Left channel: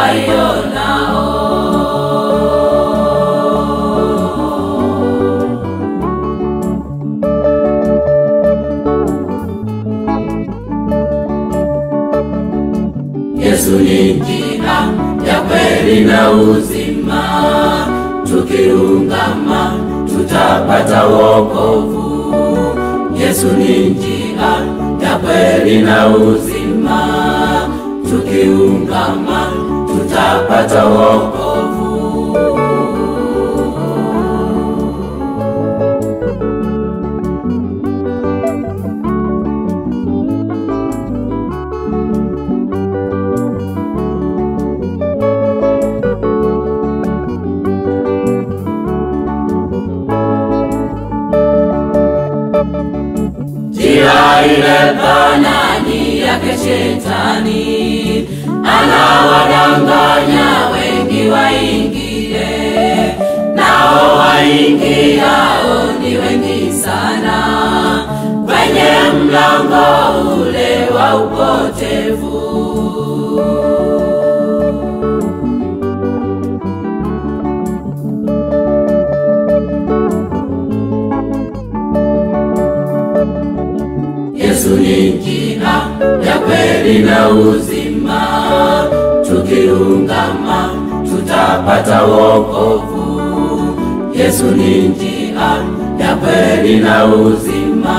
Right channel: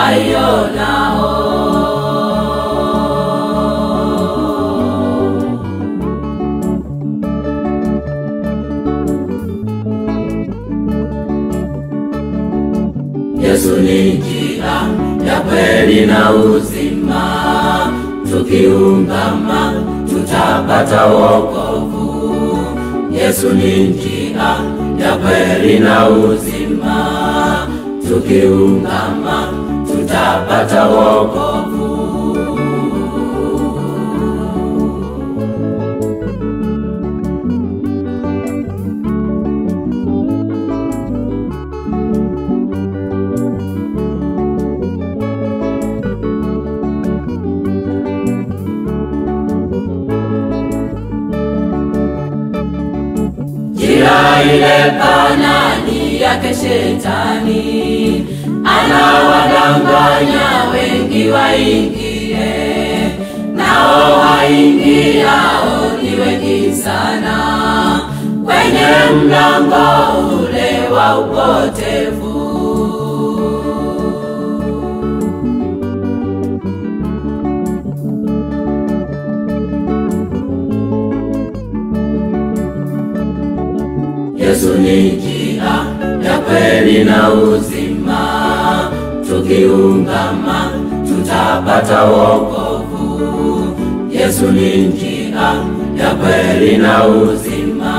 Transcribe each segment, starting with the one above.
waionao. Yesu ni njia ya kweli na uzima, tukiungama tutapata wokovu. Yesu ni njia ya kweli na uzima, tukiungama tutapata wokovu. Ile banani yake Shetani, anawadanganya wengi waingie, nao waingiao ni wengi sana, kwenye mlango ule wa upotevu. Yesu ni njia ya kweli na uzima, tukiungama tutapata wokovu. Yesu ni njia ya kweli na uzima,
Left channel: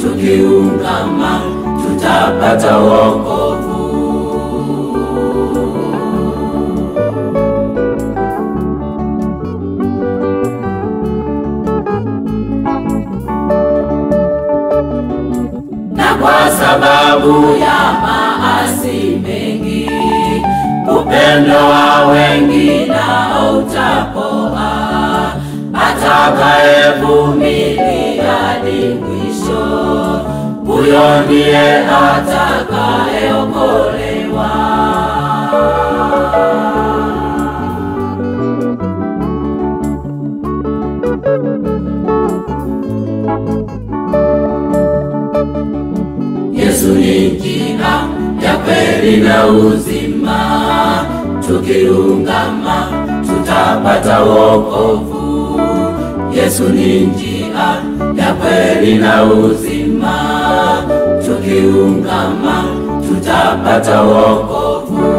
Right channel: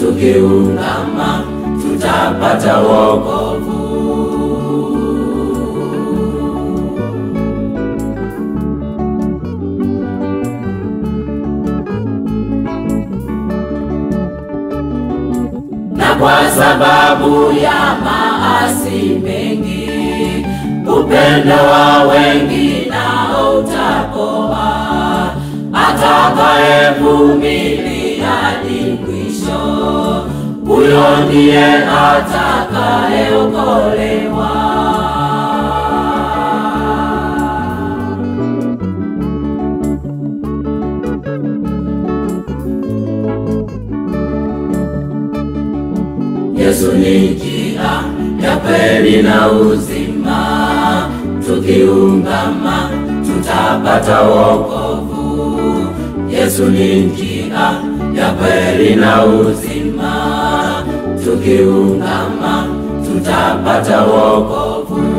tukiungama tutapata wokovu. Kwa sababu ya maasi mengi, upendo wa wengi nao utapoa. Atakayevumilia hadi mwisho, huyo ndiye atakayeokolewa. Yesu ni njia ya kweli na uzima, tukiungama tutapata wokovu. Yesu ni njia ya kweli na uzima, tukiungama tutapata wokovu.